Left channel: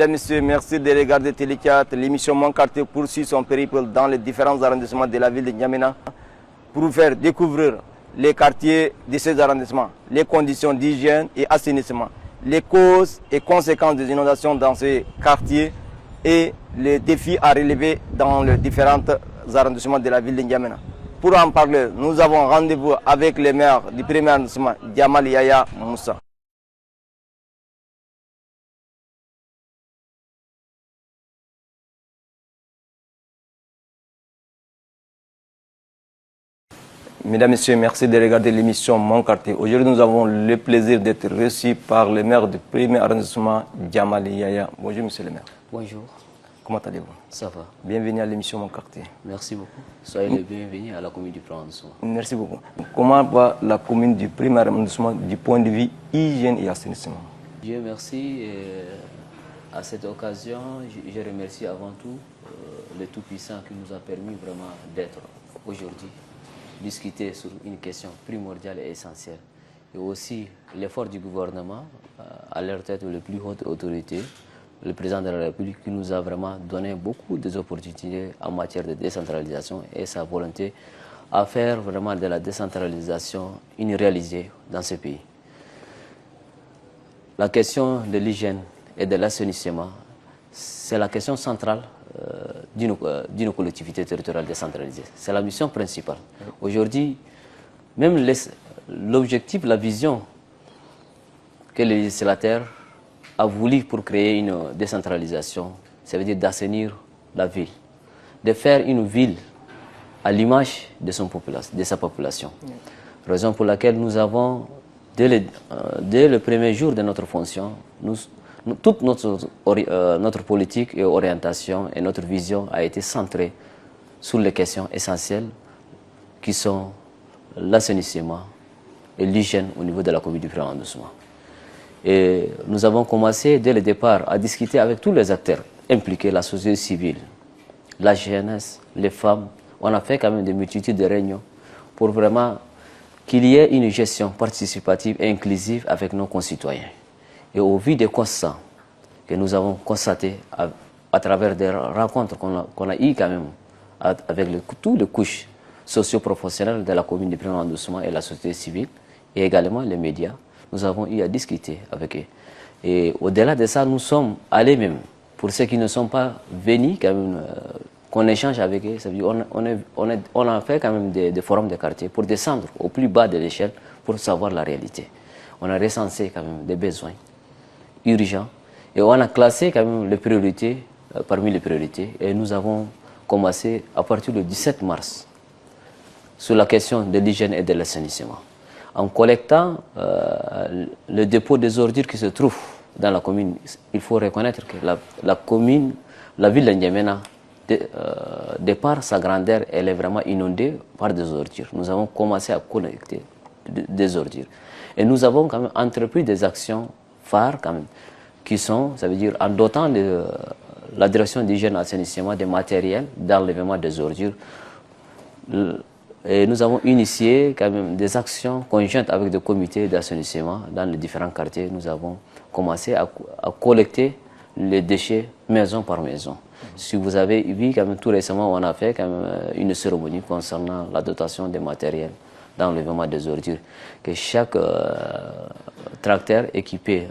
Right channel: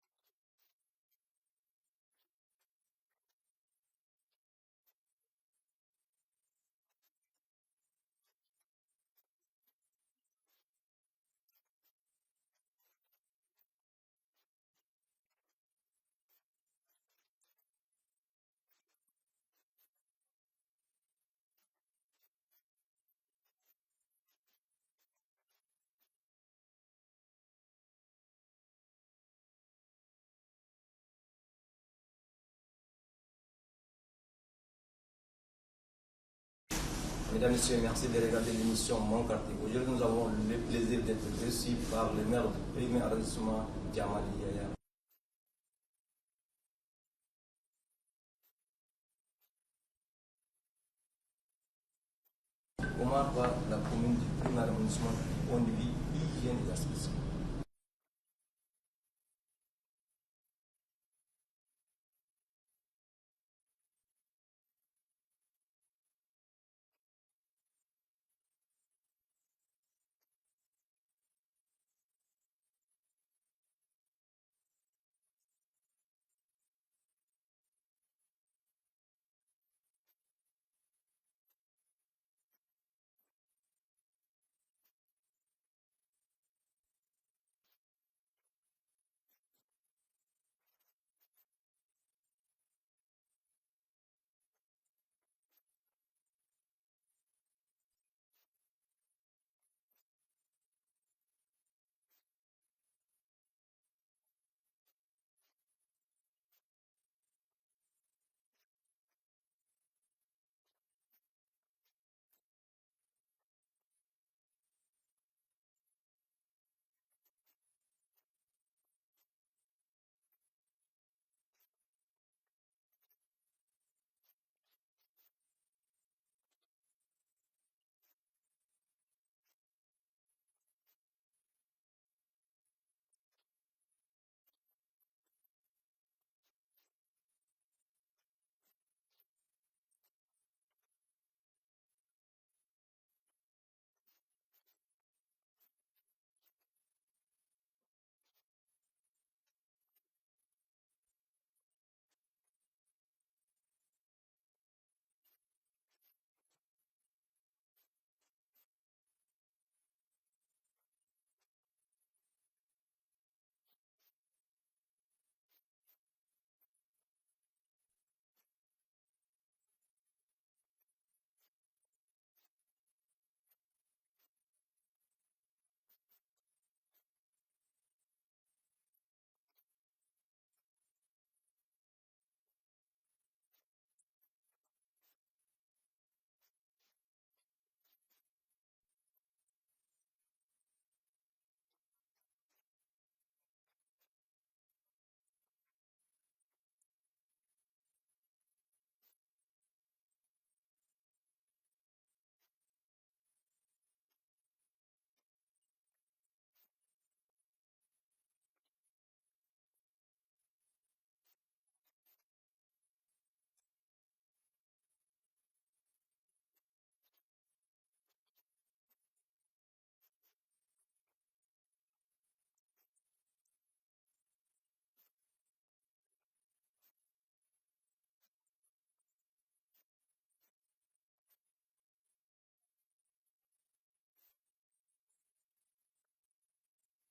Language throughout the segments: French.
Mesdames, Messieurs, merci de regarder Télé 4. L'émission Mon Quartier poursuit son périple dans les différents arrondissements de la ville de N'Djamena pour vous faire découvrir les quartiers de ces arrondissements, les conditions d'hygiène et assainissement, les causes et conséquences des inondations dans ces quartiers et les défis à relever dans les différents arrondissements de la ville de N'Djamena. Pour en parler, nous avons rendez-vous avec le maire du premier arrondissement, Djamal Yaya Moussa. Mesdames, Messieurs, merci de regarder l'émission Mon Quartier. Aujourd'hui, nous avons le plaisir d'être reçus par le maire du premier arrondissement, Djamal Yaya. Bonjour, monsieur le maire. Bonjour. Comment allez-vous? Ça va. Bienvenue à l'émission Mon Quartier. Merci beaucoup. Soyez les bienvenus à la commune du premier arrondissement. Merci beaucoup. Comment va la commune du premier arrondissement du point de vue hygiène et assainissement? Dieu merci. À cette occasion, je remercie avant tout le Tout-Puissant qui nous a permis vraiment d'être aujourd'hui, discuter sur une question primordiale et essentielle. Et aussi l'effort du gouvernement, à leur tête les plus hautes autorités, le président de la République qui nous a vraiment donné beaucoup d'opportunités en matière de décentralisation et sa volonté à faire vraiment de la décentralisation une réalité dans ce pays. La question de l'hygiène et de l'assainissement, c'est la question centrale d'une collectivité territoriale décentralisée. C'est la mission principale. Aujourd'hui, même l'objectif, la vision que le législateur a voulu pour créer une décentralisation, ça veut dire d'assainir la ville, de faire une ville à l'image de sa population. Raison pour laquelle nous avons, dès le premier jour de notre fonction, toute notre politique et orientation et notre vision a été centrée sur les questions essentielles qui sont l'assainissement et l'hygiène au niveau de la commune du premier arrondissement. Et nous avons commencé dès le départ à discuter avec tous les acteurs impliqués, la société civile, la jeunesse, les femmes. On a fait quand même des multitudes de réunions pour vraiment qu'il y ait une gestion participative et inclusive avec nos concitoyens. Et au vu des constats que nous avons constatés à travers des rencontres qu'on a eues quand même avec toutes les couches socio-professionnelles de la commune du premier arrondissement et la société civile, et également les médias, nous avons eu à discuter avec eux. Et au-delà de ça, nous sommes allés même, pour ceux qui ne sont pas venus, quand même, qu'on échange avec eux, ça veut dire on a fait quand même des forums de quartier pour descendre au plus bas de l'échelle pour savoir la réalité. On a recensé quand même des besoins urgents et on a classé quand même les priorités parmi les priorités et nous avons commencé à partir du 17 mars sur la question de l'hygiène et de l'assainissement. En collectant le dépôt des ordures qui se trouve dans la commune, il faut reconnaître que la ville de N'Djamena, de par sa grandeur, elle est vraiment inondée par des ordures. Nous avons commencé à collecter des ordures. Et nous avons quand même entrepris des actions phares quand même, qui sont, ça veut dire, en dotant de la direction d'hygiène et assainissement des matériels d'enlèvement des ordures. Et nous avons initié quand même des actions conjointes avec des comités d'assainissement dans les différents quartiers. Nous avons commencé à collecter les déchets maison par maison. Si vous avez vu, quand même, tout récemment, on a fait quand même une cérémonie concernant la dotation des matériels d'enlèvement des ordures. Que chaque tracteur équipé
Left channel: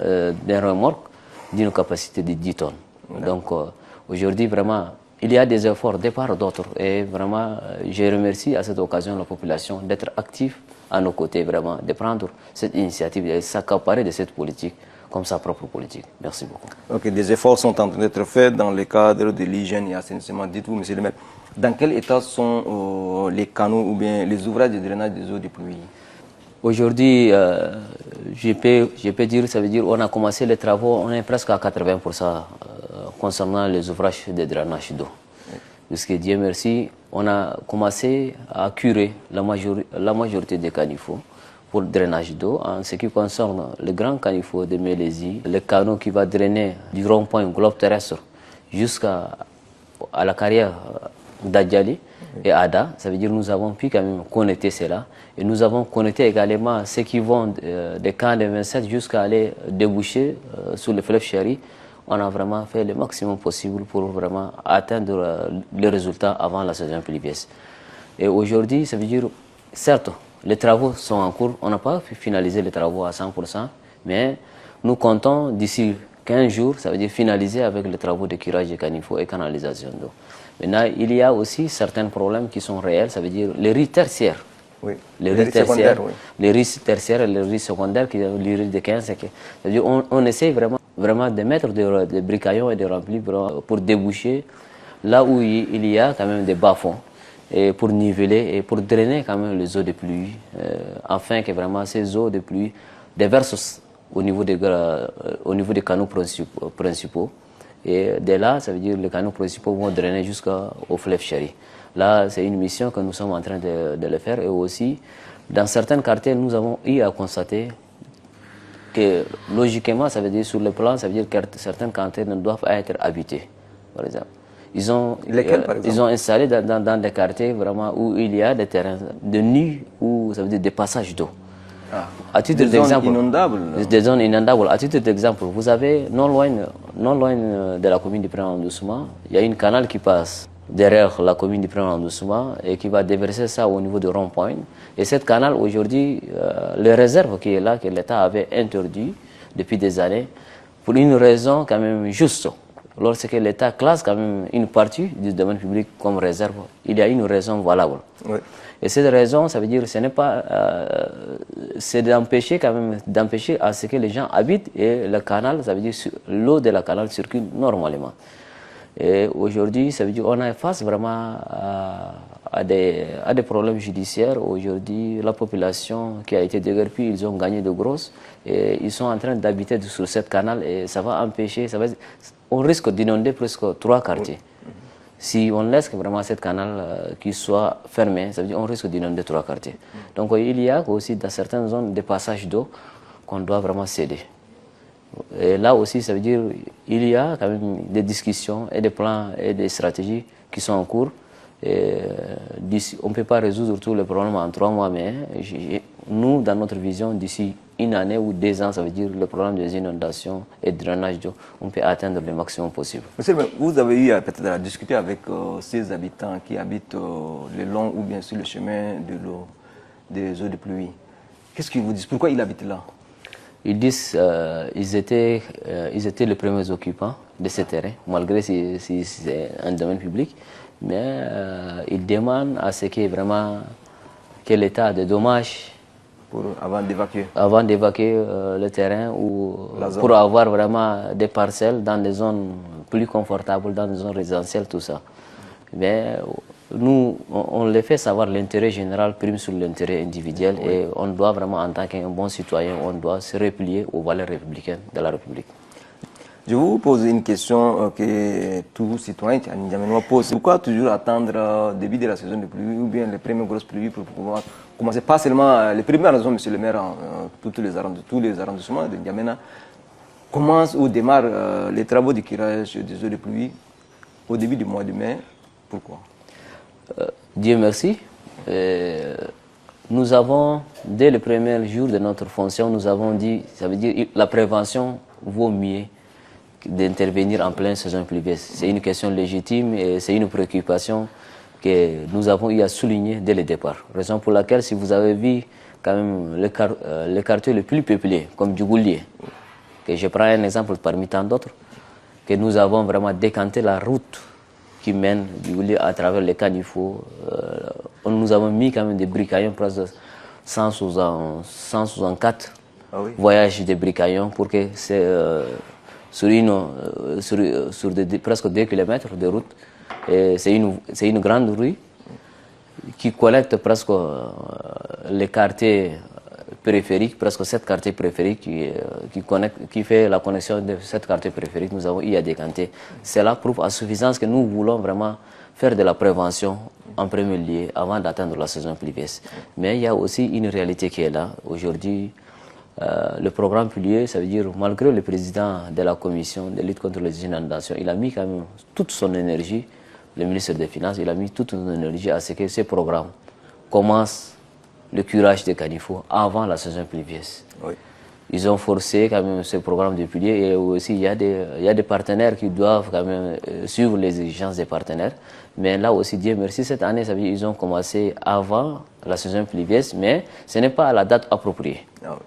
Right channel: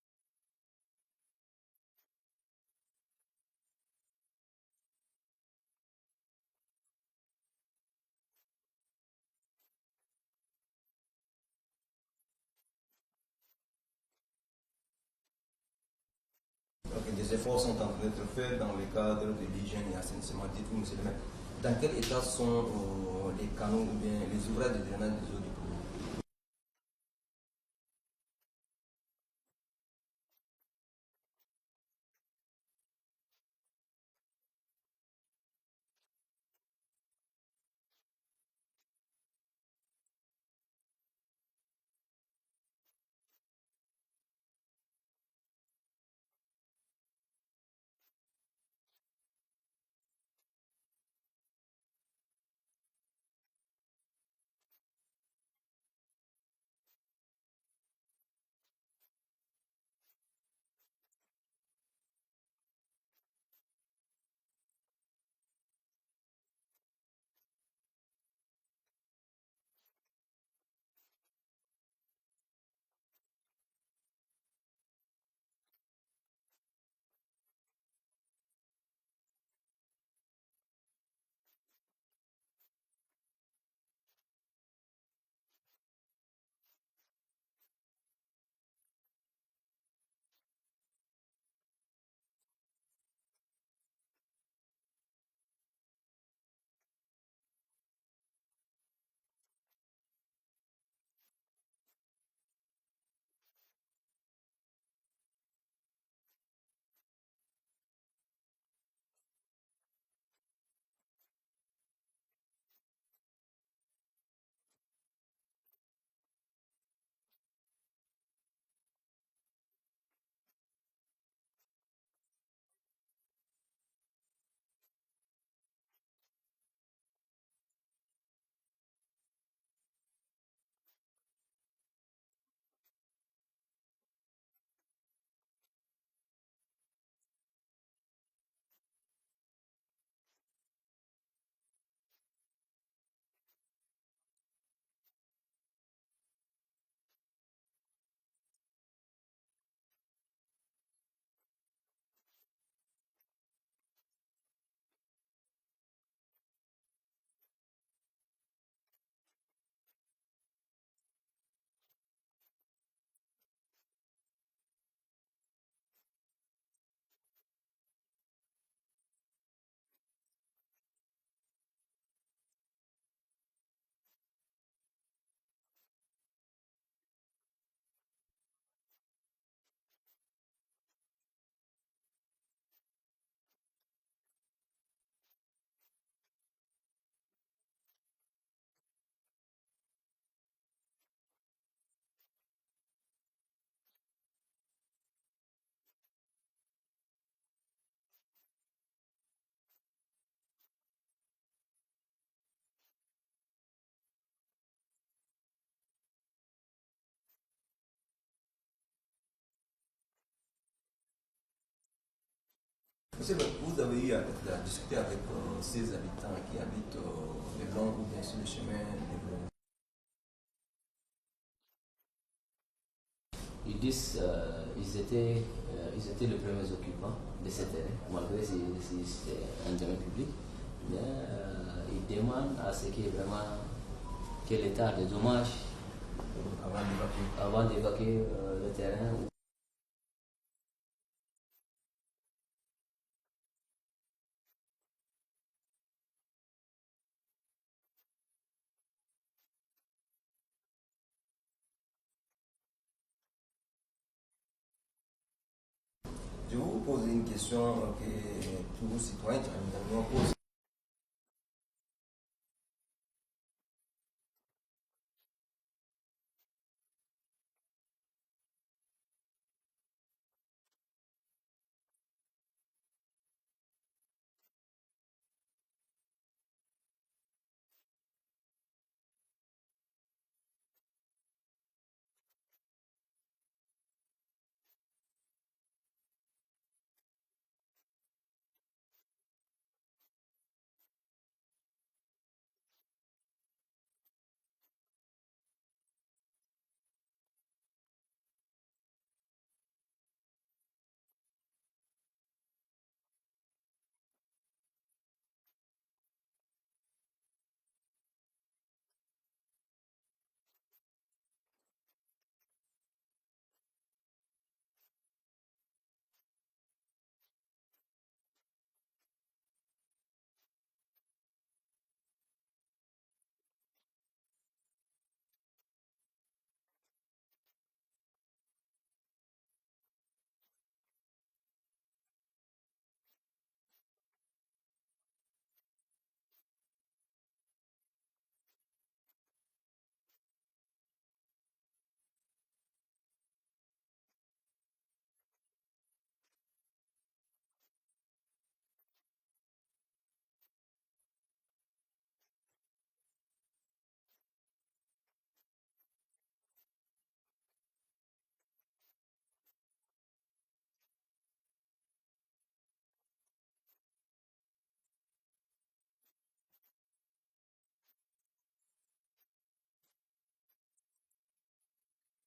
d'un remorque d'une capacité de 10 tonnes. Donc aujourd'hui, vraiment, il y a des efforts de part d'autre et vraiment, je remercie à cette occasion la population d'être active à nos côtés, vraiment, de prendre cette initiative et de s'accaparer de cette politique comme sa propre politique. Merci beaucoup. Ok, des efforts sont en train d'être faits dans le cadre de l'hygiène et l'assainissement. Dites-vous, monsieur le maire, dans quel état sont les canaux ou bien les ouvrages de drainage des eaux de pluie? Aujourd'hui, je peux dire, ça veut dire on a commencé les travaux, on est presque à 80% concernant les ouvrages de drainage d'eau. Puisque Dieu merci, on a commencé à curer la majorité des caniveaux pour le drainage d'eau. En ce qui concerne le grand caniveau de Mélésie, le canot qui va drainer du rond-point globe terrestre jusqu'à la carrière d'Adjali, et ADA. Ça veut dire que nous avons pu quand même connecter cela. Et nous avons connecté également ceux qui vont des camps de 27 jusqu'à aller déboucher sur le fleuve Chéri. On a vraiment fait le maximum possible pour vraiment atteindre les résultats avant la saison pluvieuse. Et aujourd'hui, ça veut dire, certes, les travaux sont en cours. On n'a pas finalisé les travaux à 100%, mais nous comptons d'ici 15 jours, ça veut dire finaliser avec les travaux de curage de caniveau et canalisation d'eau. Maintenant, il y a aussi certains problèmes qui sont réels, ça veut dire les riz tertiaires. Oui. Les riz tertiaires, oui. les riz tertiaires et les riz secondaires, qui sont les riz de 15. C'est-à-dire on essaie vraiment de mettre des bricaillons et des remplis pour déboucher là où il y a quand même des bas-fonds, et pour niveler et pour drainer quand même les eaux de pluie, afin que vraiment ces eaux de pluie déversent au niveau des canaux principaux. Et dès là, ça veut dire que les canaux principaux vont drainer jusqu'au fleuve Chéri. Là, c'est une mission que nous sommes en train de le faire. Et aussi, dans certains quartiers, nous avons eu à constater que, logiquement, ça veut dire sur le plan, ça veut dire que certains quartiers ne doivent pas être habités, par exemple. Lesquels, par exemple? Ils ont installé dans des quartiers vraiment où il y a des terrains de nus, où ça veut dire des passages d'eau. À titre d'exemple, des zones inondables. À titre d'exemple, vous avez non loin de la commune du Prénom-Doucement, il y a une canal qui passe derrière la commune du Prénom-Doucement et qui va déverser ça au niveau de rond-point. Et cette canal, aujourd'hui, les réserves qui est là, que l'État avait interdit depuis des années, pour une raison quand même juste. Lorsque l'État classe quand même une partie du domaine public comme réserve, il y a une raison valable. Oui. Et cette raison, ça veut dire, ce n'est pas, c'est d'empêcher quand même, d'empêcher à ce que les gens habitent et le canal, ça veut dire l'eau de la canal circule normalement. Et aujourd'hui, ça veut dire qu'on est face vraiment à des problèmes judiciaires. Aujourd'hui, la population qui a été déguerpie, ils ont gagné de grosses et ils sont en train d'habiter sur cette canal et ça va empêcher, on risque d'inonder presque 3 quartiers. Si on laisse vraiment cette canal qui soit fermé, ça veut dire qu'on risque d'inonder 3 quartiers. Donc il y a aussi dans certaines zones des passages d'eau qu'on doit vraiment céder. Et là aussi, ça veut dire qu'il y a quand même des discussions et des plans et des stratégies qui sont en cours. Et on ne peut pas résoudre tous les problèmes en 3 mois, mais nous, dans notre vision, d'ici 1 année ou 2 ans, ça veut dire le problème des inondations et de drainage d'eau, on peut atteindre le maximum possible. Monsieur, vous avez eu peut-être à discuter avec ces habitants qui habitent le long ou bien sur le chemin de l'eau, des eaux de pluie. Qu'est-ce qu'ils vous disent? Pourquoi ils habitent là? Ils disent qu'ils étaient les premiers occupants de ce terrain, malgré si c'est un domaine public. Mais ils demandent à ce que vraiment que l'État de dommages avant d'évacuer le terrain ou pour avoir vraiment des parcelles dans des zones plus confortables, dans des zones résidentielles, tout ça. Mais nous, on les fait savoir l'intérêt général prime sur l'intérêt individuel et on doit vraiment, en tant qu'un bon citoyen, on doit se replier aux valeurs républicaines de la République. Je vous pose une question que tout citoyen tchadiennois pose. Pourquoi toujours attendre le début de la saison de pluie ou bien les premières grosses pluies pour pouvoir commencer? Pas seulement les premières raisons, monsieur le maire, tous les arrondissements de N'Djamena commencent ou démarrent les travaux de curage des eaux de pluie au début du mois de mai. Pourquoi? Dieu merci. Nous avons, dès le premier jour de notre fonction, nous avons dit, ça veut dire la prévention vaut mieux d'intervenir en pleine saison pluvieuse. C'est une question légitime et c'est une préoccupation que nous avons eu à souligner dès le départ. Raison pour laquelle, si vous avez vu quand même les quartiers les plus peuplés, comme Djougoulié, que je prends un exemple parmi tant d'autres, que nous avons vraiment décanté la route qui mène Djougoulié à travers les caniveaux. Nous avons mis quand même des bricaillons, presque 164 voyages de bricaillons pour que sur presque 2 km de route. C'est une grande rue qui collecte presque les quartiers périphériques, presque 7 quartiers périphériques qui fait la connexion de 7 quartiers périphériques. Nous avons eu à décanter. Cela prouve à suffisance que nous voulons vraiment faire de la prévention en premier lieu avant d'atteindre la saison pluvieuse. Mais il y a aussi une réalité qui est là. Aujourd'hui, le programme pluvieux, ça veut dire, malgré le président de la commission de lutte contre les inondations, il a mis quand même toute son énergie le ministre des Finances, il a mis toute une énergie à ce que ces programmes commencent le curage des caniveaux avant la saison pluvieuse. Oui. Ils ont forcé quand même ce programme de pilier et aussi il y a des partenaires qui doivent quand même suivre les exigences des partenaires. Mais là aussi, Dieu merci, cette année, ça veut dire qu'ils ont commencé avant la saison pluvieuse, mais ce n'est pas à la date appropriée. Ah oui.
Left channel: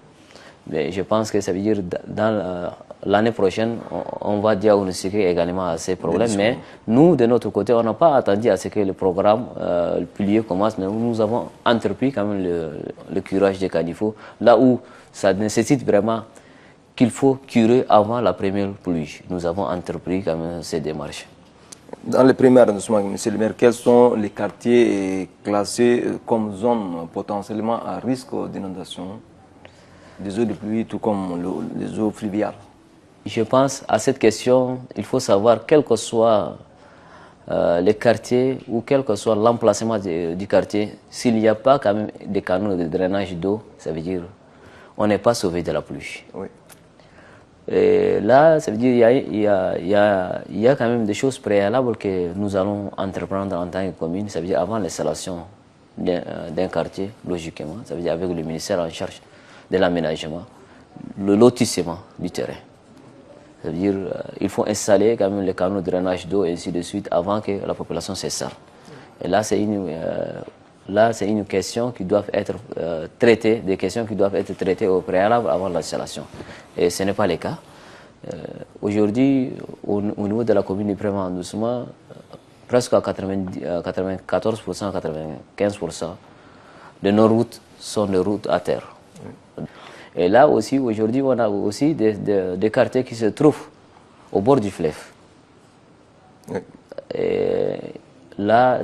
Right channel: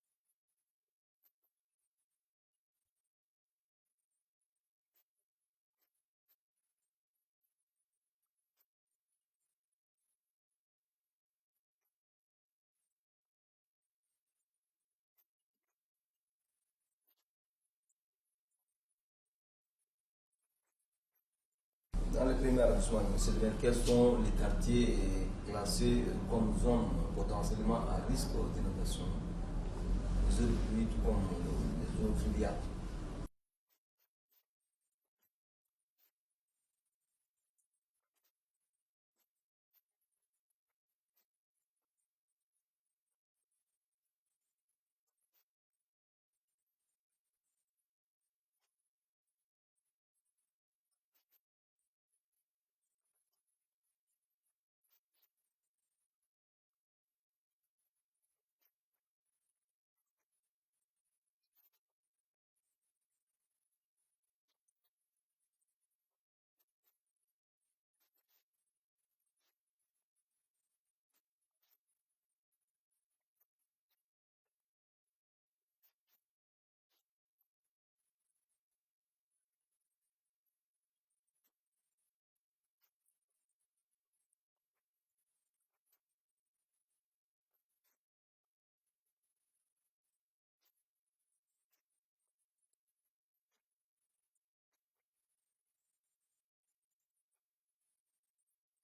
Mais je pense que ça veut dire dans l'année prochaine, on va diagnostiquer également à ces problèmes. Mais nous, de notre côté, on n'a pas attendu à ce que le programme, le pilier commence, mais nous avons entrepris quand même le curage des caniveaux, là où ça nécessite vraiment qu'il faut curer avant la première pluie. Nous avons entrepris quand même ces démarches. Dans le premier arrondissement, M. le maire, quels sont les quartiers classés comme zones potentiellement à risque d'inondation des eaux de pluie, tout comme les eaux fluviales? Je pense à cette question, il faut savoir, quel que soit les quartiers ou quel que soit l'emplacement du quartier, s'il n'y a pas quand même des canaux de drainage d'eau, ça veut dire on n'est pas sauvé de la pluie. Oui. Et là, ça veut dire qu'il y a quand même des choses préalables que nous allons entreprendre en tant que commune, ça veut dire avant l'installation d'un quartier, logiquement, ça veut dire avec le ministère en charge de l'aménagement, le lotissement du terrain. Ça veut dire qu'il faut installer quand même les canaux de drainage d'eau et ainsi de suite avant que la population s'installe. Et là, c'est une question qui doit être traitée, des questions qui doivent être traitées au préalable avant l'installation. Et ce n'est pas le cas. Aujourd'hui, au niveau de la commune du Premier arrondissement, presque à 94%, 95% de nos routes sont des routes à terre. Et là aussi, aujourd'hui, on a aussi des quartiers qui se trouvent au bord du fleuve. Oui. Et là,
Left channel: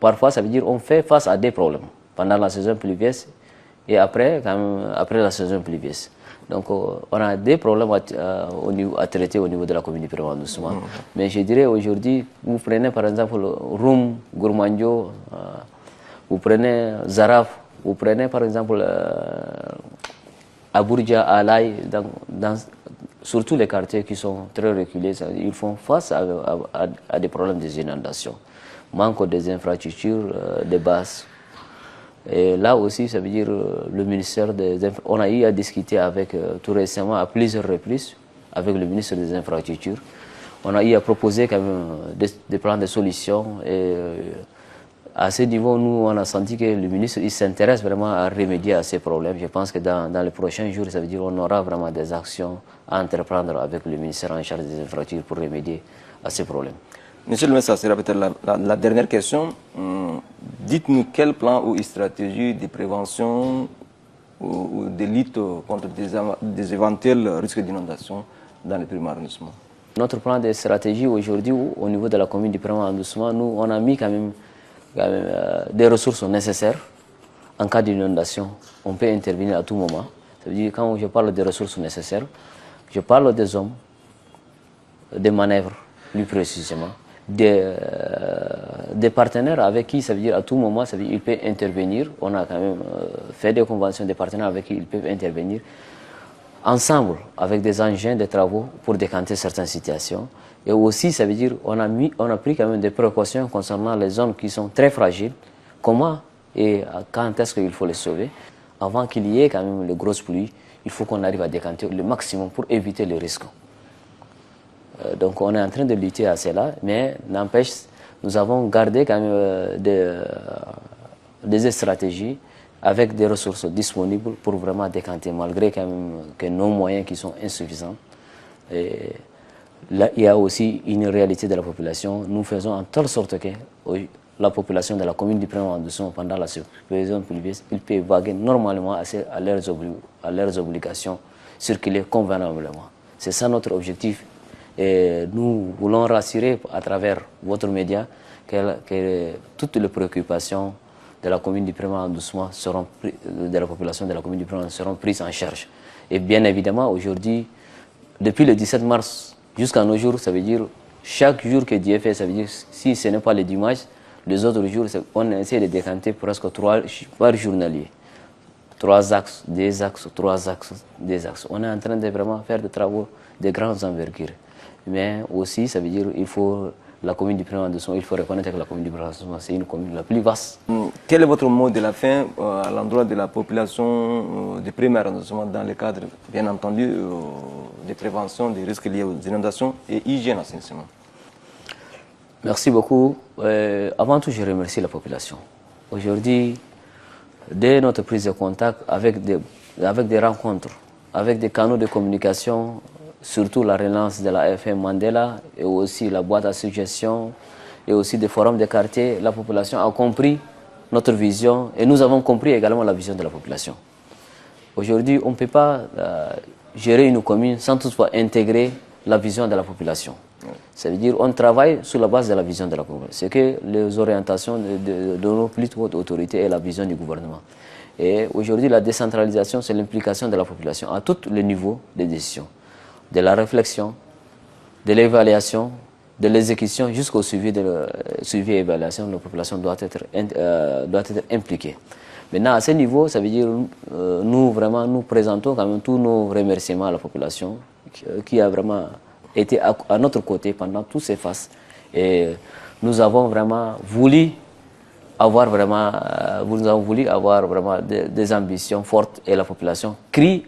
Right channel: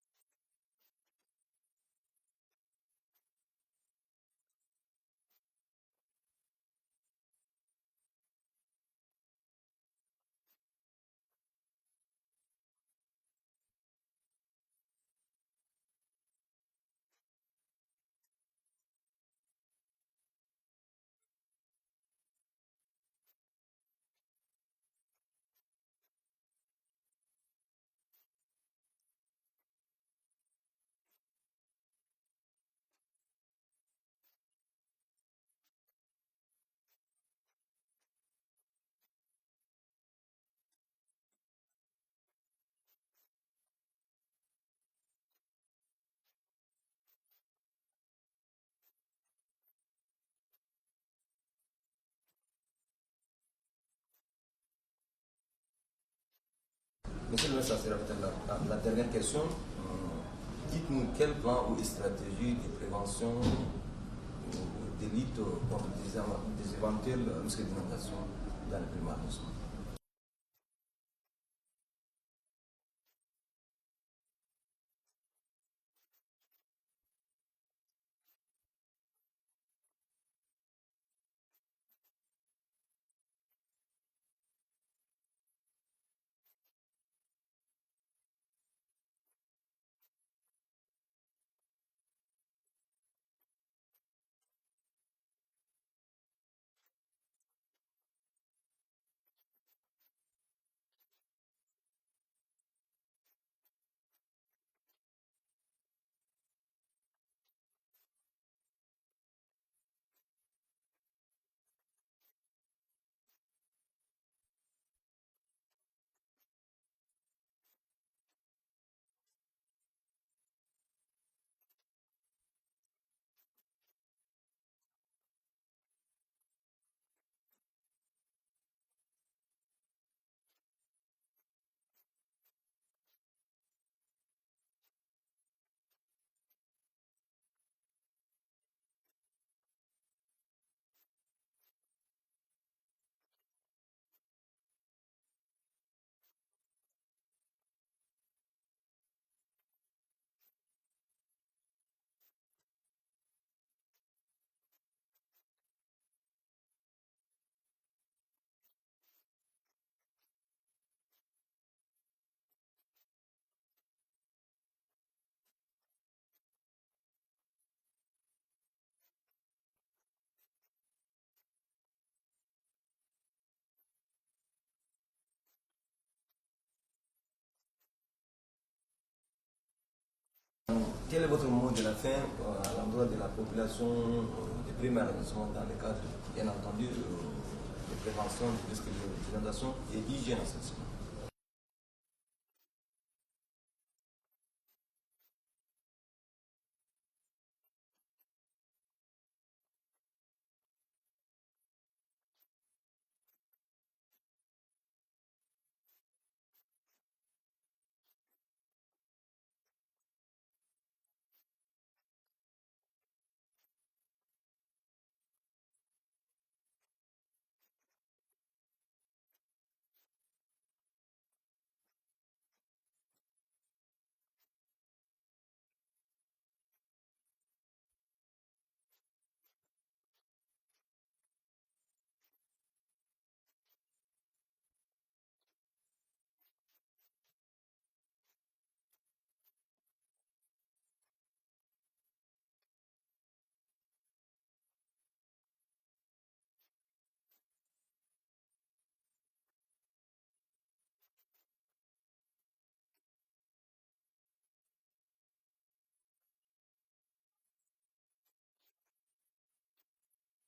parfois, ça veut dire qu'on fait face à des problèmes pendant la saison pluvieuse et après la saison pluvieuse. Donc, on a des problèmes à traiter au niveau de la commune du Premier arrondissement. Mais je dirais aujourd'hui, vous prenez par exemple Roum, Gourmandio, vous prenez Zaraf, vous prenez par exemple Abourdia, Alaï, surtout les quartiers qui sont très reculés, ils font face à des problèmes des inondations. Manque des infrastructures, des bases. Et là aussi, ça veut dire le ministère on a eu à discuter avec, tout récemment, à plusieurs reprises, avec le ministre des Infrastructures. On a eu à proposer quand même des plans de solutions. Et à ce niveau, nous, on a senti que le ministre s'intéresse vraiment à remédier à ces problèmes. Je pense que dans les prochains jours, ça veut dire qu'on aura vraiment des actions à entreprendre avec le ministère en charge des infrastructures pour remédier à ces problèmes. Monsieur le maire, ça sera peut-être la dernière question. Dites-nous quel plan ou stratégie de prévention ou de lutte contre des éventuels risques d'inondation dans le premier arrondissement? Notre plan de stratégie aujourd'hui, au niveau de la commune du premier arrondissement, nous, on a mis quand même des ressources nécessaires en cas d'inondation. On peut intervenir à tout moment. Ça veut dire, quand je parle des ressources nécessaires, je parle des hommes, des manœuvres, plus précisément, des partenaires avec qui, ça veut dire à tout moment, ça veut dire, ils peuvent intervenir. On a quand même fait des conventions des partenaires avec qui ils peuvent intervenir ensemble avec des engins de travaux pour décanter certaines situations. Et aussi, ça veut dire on a pris quand même des précautions concernant les zones qui sont très fragiles. Comment et quand est-ce qu'il faut les sauver? Avant qu'il y ait quand même les grosses pluies, il faut qu'on arrive à décanter le maximum pour éviter les risques. Donc on est en train de lutter à cela, mais n'empêche, nous avons gardé quand même des stratégies avec des ressources disponibles pour vraiment décanter, malgré quand même que nos moyens qui sont insuffisants. Et là, il y a aussi une réalité de la population. Nous faisons en telle sorte que la population de la commune du premier arrondissement, pendant la saison pluvieuse, ils peuvent vaguer normalement à leurs obligations, circuler convenablement. C'est ça notre objectif. Et nous voulons rassurer à travers votre média que toutes les préoccupations de la commune du premier arrondissement de la population de la commune du premier arrondissement seront prises en charge. Et bien évidemment, aujourd'hui, depuis le 17 mars jusqu'à nos jours, ça veut dire chaque jour que Dieu fait, ça veut dire si ce n'est pas le dimanche, les autres jours, on essaie de décanter presque 3 par journalier. 3 axes, 2 axes, 3 axes, 2 axes. On est en train de vraiment faire des travaux de grandes envergures. Mais aussi, ça veut dire qu'il faut la commune du premier arrondissement, il faut reconnaître que la commune du premier arrondissement, c'est une commune la plus vaste. Quel est votre mot de la fin à l'endroit de la population du premier arrondissement dans le cadre, bien entendu, de prévention des risques liés aux inondations et hygiène assainissement? Merci beaucoup. Avant tout, je remercie la population. Aujourd'hui, dès notre prise de contact avec des rencontres, avec des canaux de communication, surtout la relance de la FM Mandela et aussi la boîte à suggestions et aussi des forums de quartier, la population a compris notre vision et nous avons compris également la vision de la population. Aujourd'hui, on ne peut pas gérer une commune sans toutefois intégrer la vision de la population. Ça veut dire qu'on travaille sur la base de la vision de la population. C'est que les orientations de nos plus hautes autorités et la vision du gouvernement. Et aujourd'hui, la décentralisation, c'est l'implication de la population à tous les niveaux de décision. De la réflexion, de l'évaluation, de l'exécution jusqu'au suivi et évaluation, la population doit être impliquée. Maintenant, à ce niveau, ça veut dire nous présentons quand même tous nos remerciements à la population qui a vraiment été à notre côté pendant toutes ces phases. Et nous avons vraiment voulu avoir des ambitions fortes et la population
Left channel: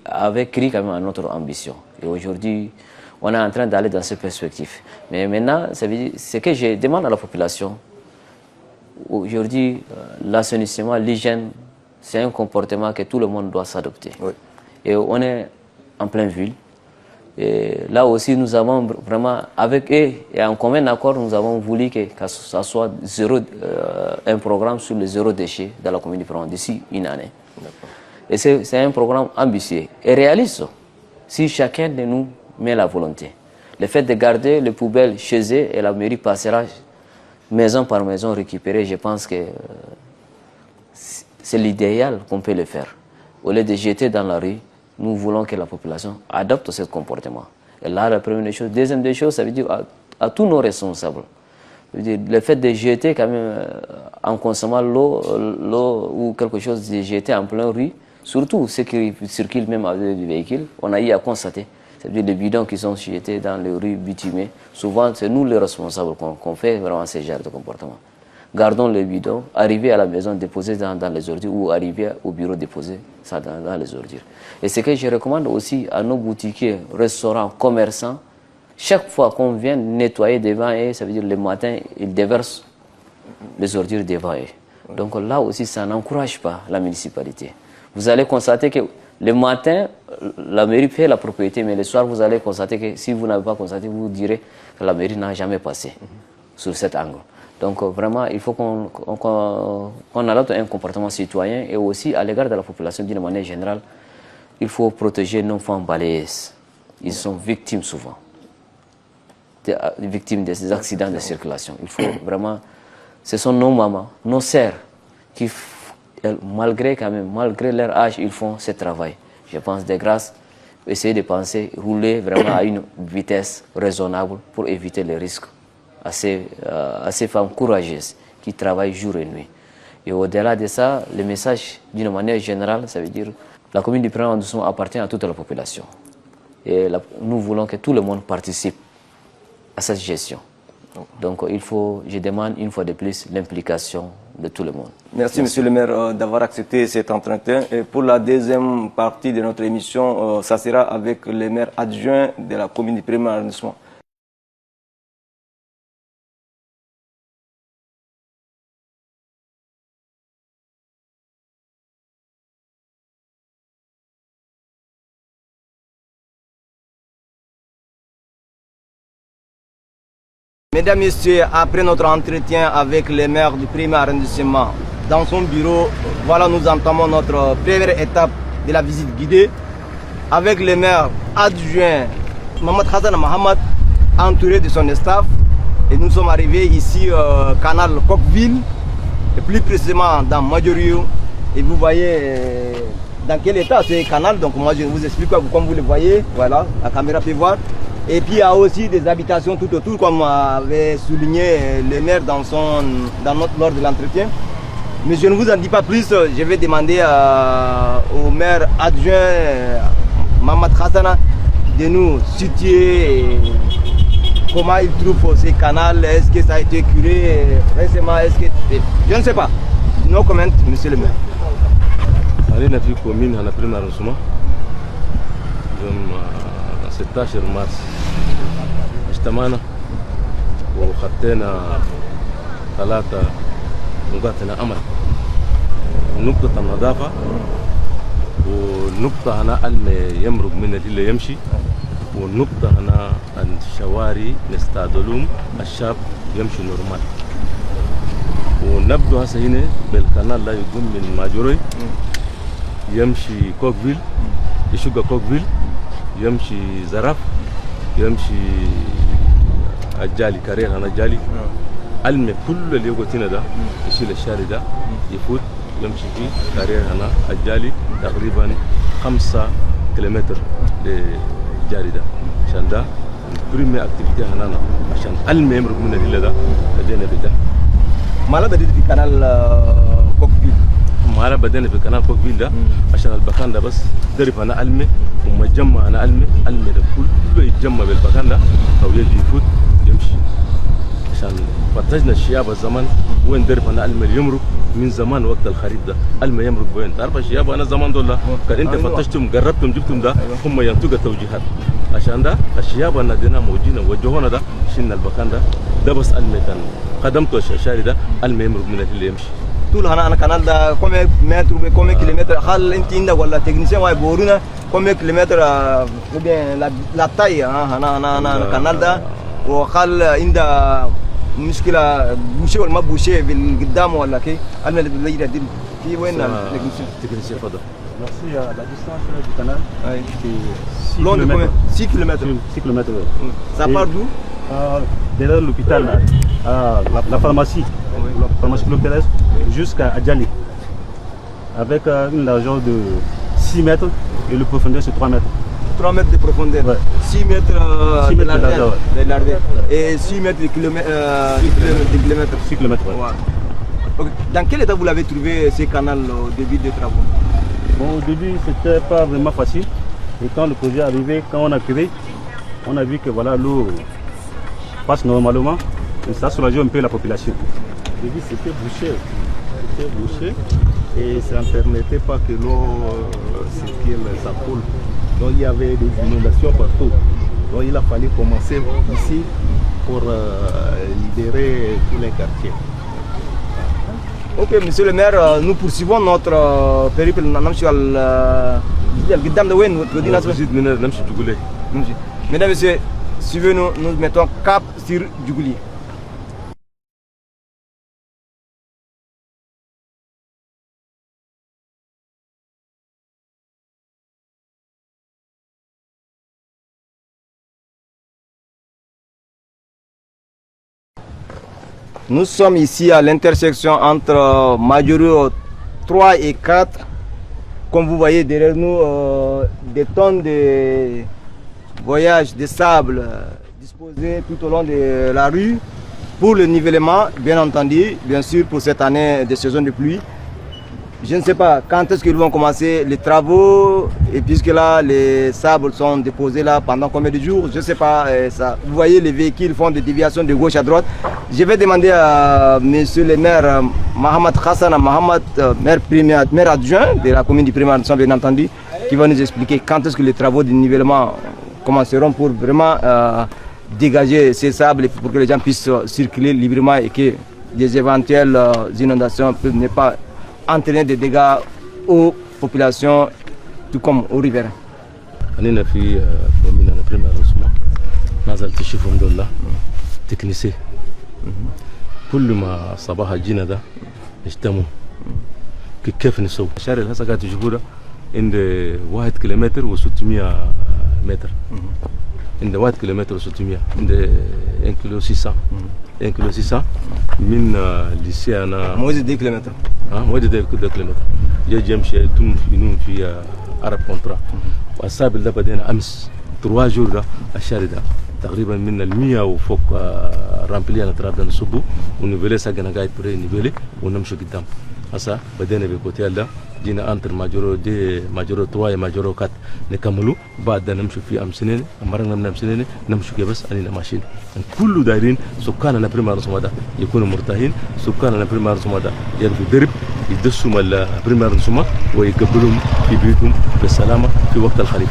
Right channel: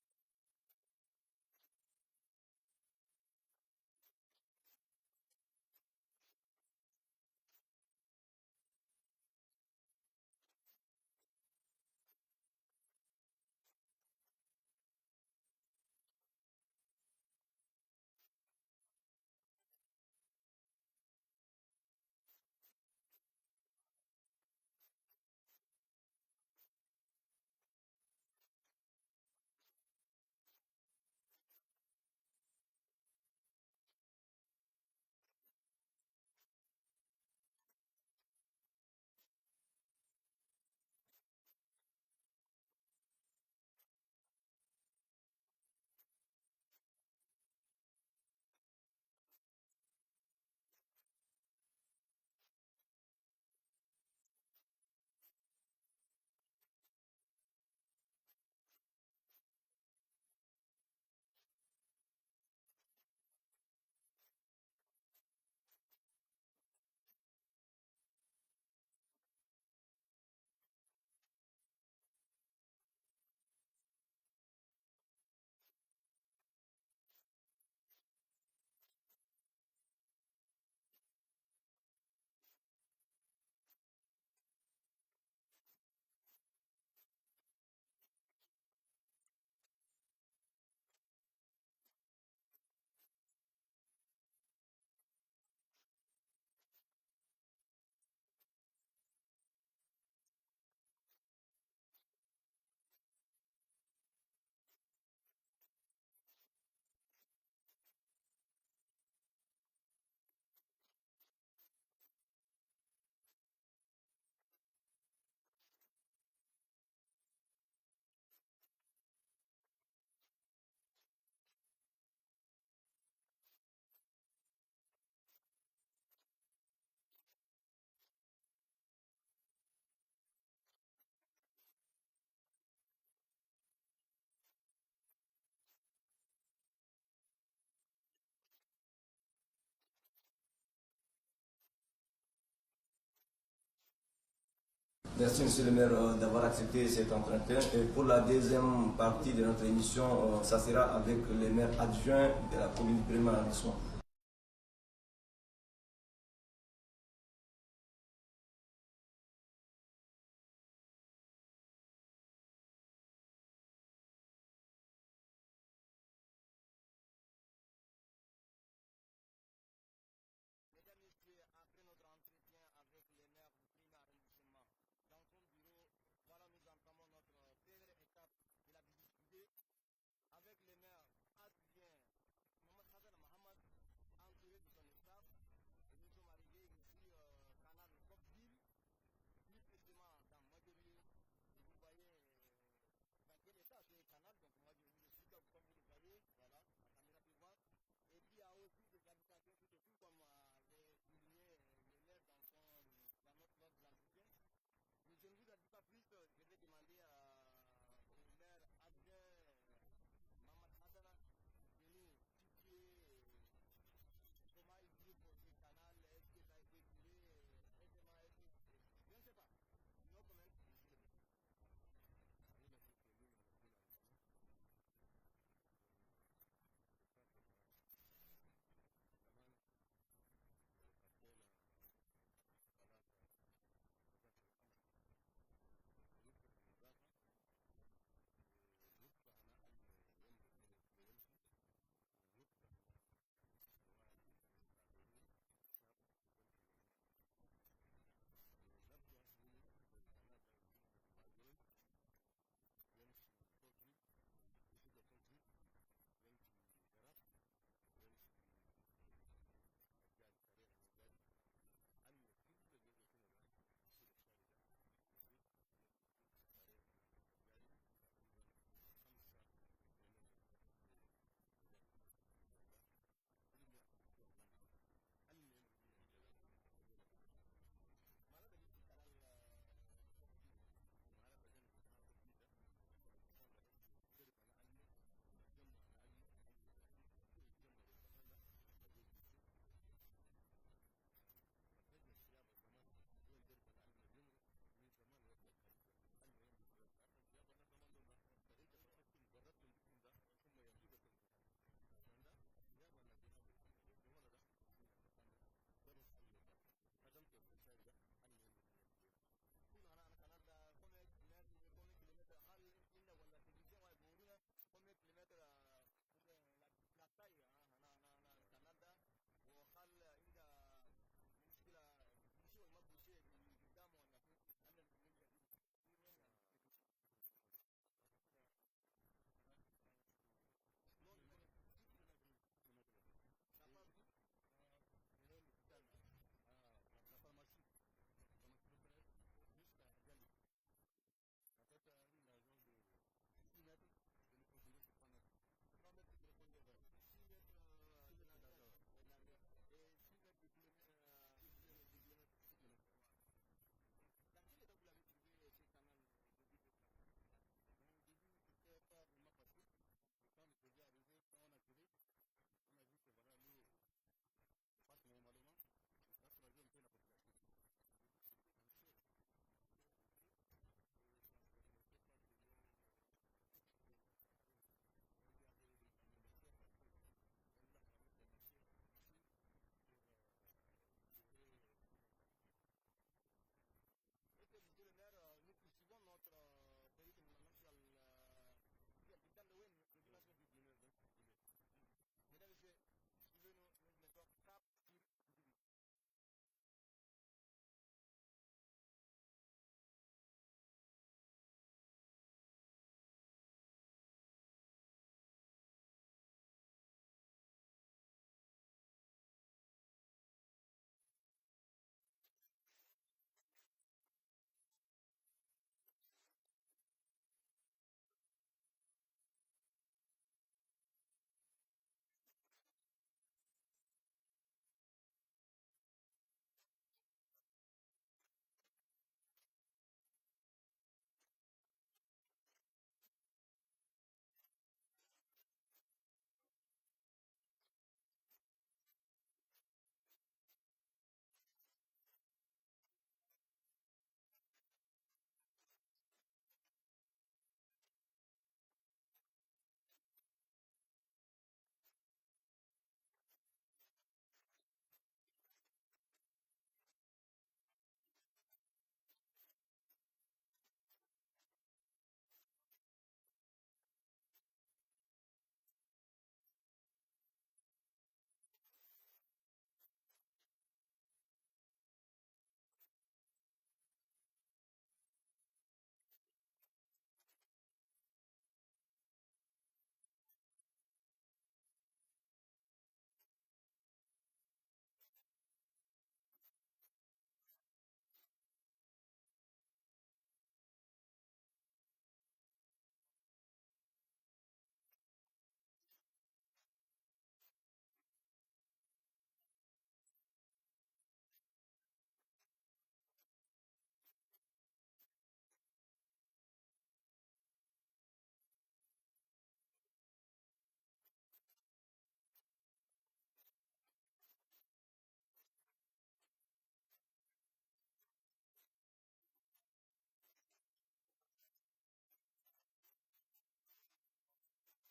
avait crié quand même à notre ambition. Et aujourd'hui, on est en train d'aller dans ces perspectives. Mais maintenant, ça veut dire, ce que je demande à la population, aujourd'hui, l'assainissement, l'hygiène, c'est un comportement que tout le monde doit s'adopter. Oui. Et on est en pleine ville. Et là aussi, nous avons vraiment, avec eux, et en commun accord, nous avons voulu que ça soit un programme sur le zéro déchet dans la commune de Provence d'ici une année. Et c'est un programme ambitieux et réaliste si chacun de nous met la volonté. Le fait de garder les poubelles chez eux et la mairie passera maison par maison récupérer, je pense que c'est l'idéal qu'on peut le faire. Au lieu de jeter dans la rue, nous voulons que la population adopte ce comportement. Et là, la première chose. Deuxième des choses, ça veut dire à tous nos responsables. Le fait de jeter quand même en consommant l'eau ou quelque chose de jeter en plein rue, surtout ceux qui circulent même avec des véhicules, on a eu à constater. C'est-à-dire les bidons qui sont jetés dans les rues bitumées. Souvent, c'est nous les responsables qu'on fait vraiment ce genre de comportement. Gardons les bidons, arriver à la maison, déposer dans les ordures ou arriver au bureau, déposer ça dans les ordures. Et ce que je recommande aussi à nos boutiquiers, restaurants, commerçants, chaque fois qu'on vient nettoyer devant eux, ça veut dire le matin, ils déversent les ordures devant eux. Donc là aussi, ça n'encourage pas la municipalité. Vous allez constater que le matin, la mairie fait la propriété, mais le soir, vous allez constater que si vous n'avez pas constaté, vous direz que la mairie n'a jamais passé sur cet angle. Donc vraiment, il faut qu'on adopte un comportement citoyen et aussi à l'égard de la population d'une manière générale, il faut protéger nos enfants balayeuses. Ils sont victimes souvent, victimes des accidents de circulation. Il faut vraiment, ce sont nos mamans, nos sœurs qui, malgré leur âge, ils font ce travail. Je pense de grâce, essayer de penser, rouler vraiment à une vitesse raisonnable pour éviter les risques à ces femmes courageuses qui travaillent jour et nuit. Et au-delà de ça, le message, d'une manière générale, ça veut dire que la commune du premier arrondissement appartient à toute la population. Et nous voulons que tout le monde participe à cette gestion. Donc je demande une fois de plus l'implication de tout le monde. Merci Monsieur le maire d'avoir accepté cet entretien. Et pour la deuxième partie de notre émission, ça sera avec le maire adjoint de la commune du premier arrondissement. Mesdames, Messieurs, après notre entretien avec le maire du premier arrondissement, dans son bureau, voilà, nous entamons notre première étape de la visite guidée avec le maire adjoint Mohamed Hassan Mohamed, entouré de son staff. Et nous sommes arrivés ici au canal Coqueville, et plus précisément dans Majorio. Et vous voyez dans quel état c'est le canal. Donc moi je vous explique comme vous le voyez. Voilà, la caméra peut voir. Et puis il y a aussi des habitations tout autour, comme avait souligné le maire lors de l'entretien. Mais je ne vous en dis pas plus, je vais demander au maire adjoint Mohamed Hassana de nous situer comment ils trouvent ces canaux, est-ce que ça a été curé récemment, je ne sais pas. No comment, monsieur le maire. Allez, na fi commune na premier arrondissement. Donc, 16 mars. اجتمعنا وخطينا 3 نقاط عمل. نقطة النظافة ونقطة هنا يمرق من اللي يمشي والنقطة هنا الشوارع نستعدلهم الشاب يمشي نورمال. ونبدو هسه هنا بالقناة لا يقوم من ماجوري يمشي كوكفيل يشق كوكفيل يمشي زرف يمشي الجالي كارير هنا جالي المي كل اللي يقوتنا ده يشيل الشارع ده يفوت يمشي فيه كارير هنا الجالي تقريبا 5 كيلومتر للجاري ده عشان ده بريمي اكتيفيتي هنا عشان المي يمرق من الليله ده بدينا بده. ما بديت في قناه كوكفيل. ما بدينا في قناه كوكفيل ده عشان البكان ده بس درب هنا المي ومجمع هنا المي ده كله يتجمع بالبكان ده او يجي يفوت يمشي عشان فتشنا الشياب الزمان وين درب هنا المي يمرق من زمان وقت الخريف ده المي يمرق وين تعرف الشياب انا زمان دول كان انت فتشتم جربتم جبتم ده هم ينتجوا توجيهات عشان ده الشياب انا دينا موجودين وجهونا ده شلنا البكان ده بس المي كان قدمته الشارع ده المي يمرق من اللي يمشي طول هنا انا كانال ده كم متر كم كيلومتر هل انت عندك ولا تكنيسيان واي بورونا كم كيلومتر لا تاي انا كانال ده وقال عندها مشكله بوشي ولا ما بوشي بالقدام ولا كي انا اللي بيجي في وين التكنيسيان فضل. Merci, la distance du canal, c'est 6 long de km. combien 6 km. 6 km. Ça part d'où? Derrière l'hôpital, la pharmacie, la pharmacie Clopérès, jusqu'à Adjali. Avec une largeur de 6 mètres et le profondeur c'est 3 mètres. 3 mètres de profondeur, ouais. 6 mètres, 6 mètres de largeur, et 6 mètres de kilomètre. 6 km, ouais. Ouais. Dans quel état vous l'avez trouvé ces canaux au début des travaux? Bon, au début, c'était pas vraiment facile. Et quand le projet est arrivé, quand on a créé, on a vu que voilà, l'eau passe normalement. Et ça soulageait un peu la population. Au début, c'était bouché. Et ça ne permettait pas que l'eau circule, ça coule. Donc il y avait des inondations partout. Donc il a fallu commencer ici pour libérer tous les quartiers. Ok, monsieur le maire, nous poursuivons notre périple. Mesdames et messieurs, suivez-nous, nous mettons cap sur Djougouli. Nous sommes ici à l'intersection entre Majuro 3 et 4. Comme vous voyez derrière nous, des tonnes de voyages de sable disposés tout au long de la rue pour le nivellement, bien entendu, bien sûr pour cette année de saison de pluie. Je ne sais pas quand est-ce qu'ils vont commencer les travaux, et puisque là les sables sont déposés là pendant combien de jours, je ne sais pas. Ça. Vous voyez les véhicules font des déviations de gauche à droite. Je vais demander à monsieur le maire Mohamed Hassan Mohamed, maire adjoint de la commune du premier arrondissement, bien entendu, qui va nous expliquer quand est-ce que les travaux de nivellement commenceront pour vraiment dégager ces sables pour que les gens puissent circuler librement et que des éventuelles inondations ne pas entraîner des dégâts aux populations, tout comme aux riverains. أنا في commune أنا premier arrondissement نزلت شوفهم دول تكنيسي كل ما صباح جينا ده اجتمعوا كيف نسوي الشارع اللي هسه قاعد تشوفوه ده عند 1 كيلومتر و600 متر عند 1 كيلومتر و600 عند 1 كيلو 600 1 كيلو 600 من ليسي أنا موازي 2 كيلومتر موازي 2 كيلومتر يجي يمشي تم في عرب كونترا والسابل ده بدينا أمس 3 جور ده الشارع ده تقريبا من 100 وفوق رامبلي أنا ترى بدنا نصبه ونبلي ساقنا قاعد بري نبلي ونمشي قدام asa badene be côté là dina entre majoro 2 majoro 3 et majoro 4 نكملوا بعد نمشي في أمسنين مرنا من أمسنين نمشي كي بس أنينا ماشيين كل دايرين سكاننا بريمار سمادا يكونوا مرتاحين سكاننا بريمار سمادا يلقوا درب يدسوا مال بريمار سما ويقبلهم في بيوتهم بالسلامة في وقت الخريف.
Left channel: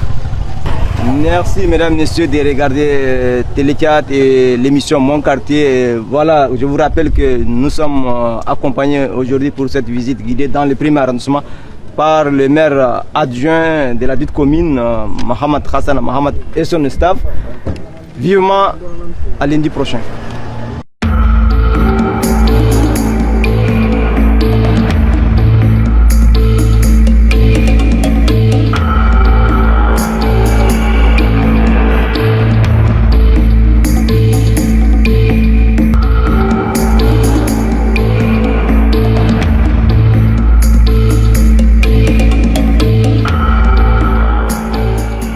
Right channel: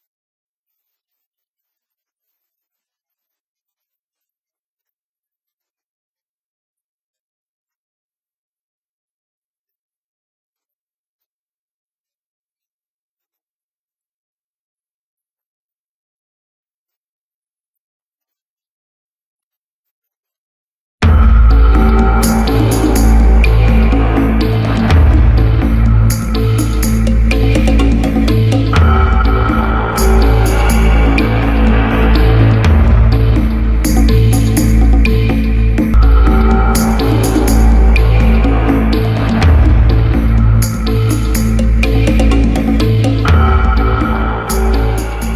Merci mesdames, messieurs de regarder Télé4 et l'émission Mon Quartier. Voilà, je vous rappelle que nous sommes accompagnés aujourd'hui pour cette visite guidée dans le premier arrondissement par le maire adjoint de la dite commune, Mohamed Hassan Mohamed et son staff. Vivement à lundi prochain.